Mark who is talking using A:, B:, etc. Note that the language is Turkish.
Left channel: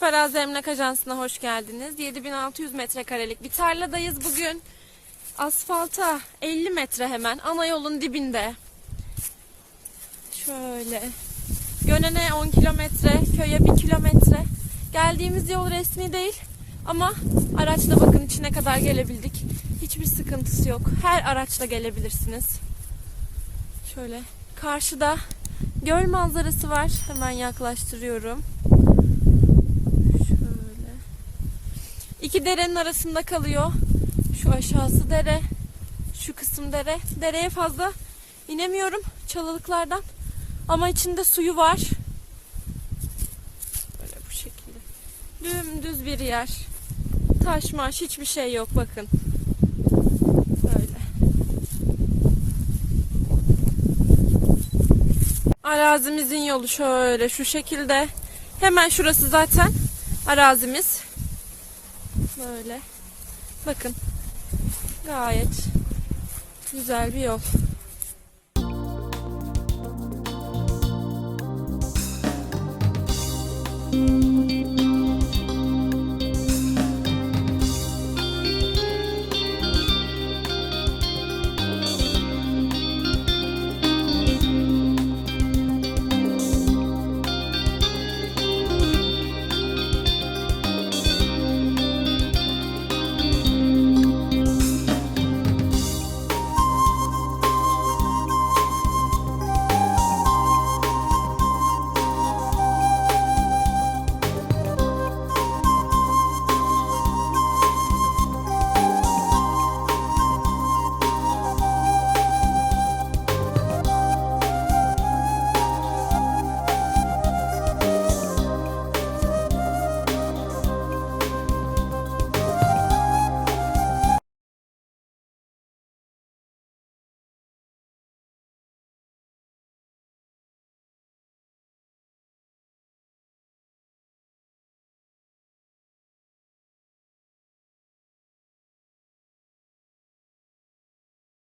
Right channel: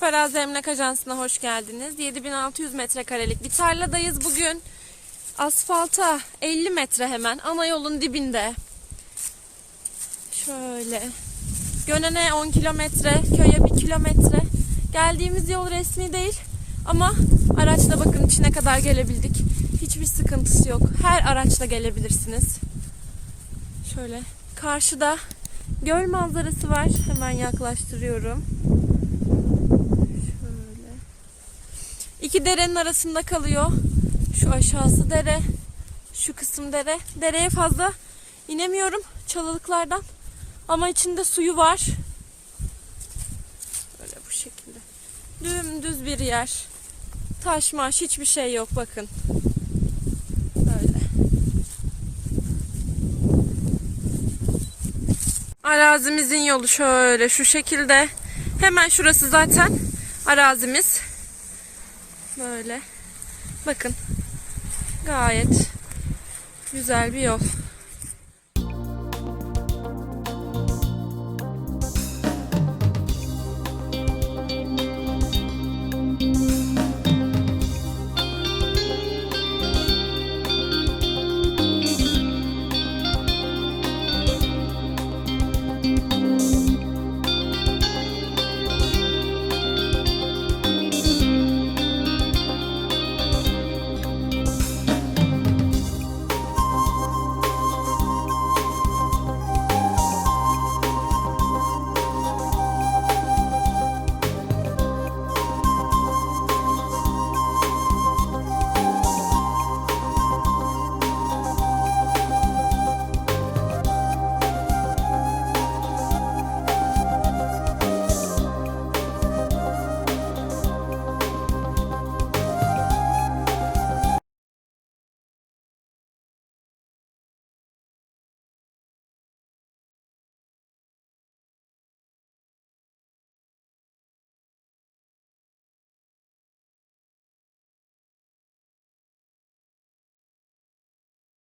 A: Arazi Emlak Ajansı'na hoş geldiniz. 7600 metrekarelik bir tarladayız bugün. Asfalta 50 metre hemen ana yolun dibinde. Şöyle. Gönene 10 kilometre, köye 1 kilometre. Geldiğimiz yol resmi değil ama araçla bakın içine kadar gelebildik. Hiçbir sıkıntısı yok. Her araçla gelebilirsiniz. Şöyle karşıda göl manzarası var. Hemen yaklaştırıyorum. Şöyle. İki derenin arasında kalıyor. Şu aşağısı dere. Şu kısım dere. Dereye fazla inemiyorum çalılıklardan. Ama içinde suyu var. Böyle bu şekilde. Dümdüz bir yer. Taş maş hiçbir şey yok bakın. Böyle. Arazimizin yolu şöyle şu şekilde. Hemen şurası zaten arazimiz. Böyle. Bakın. Gayet güzel bir yol.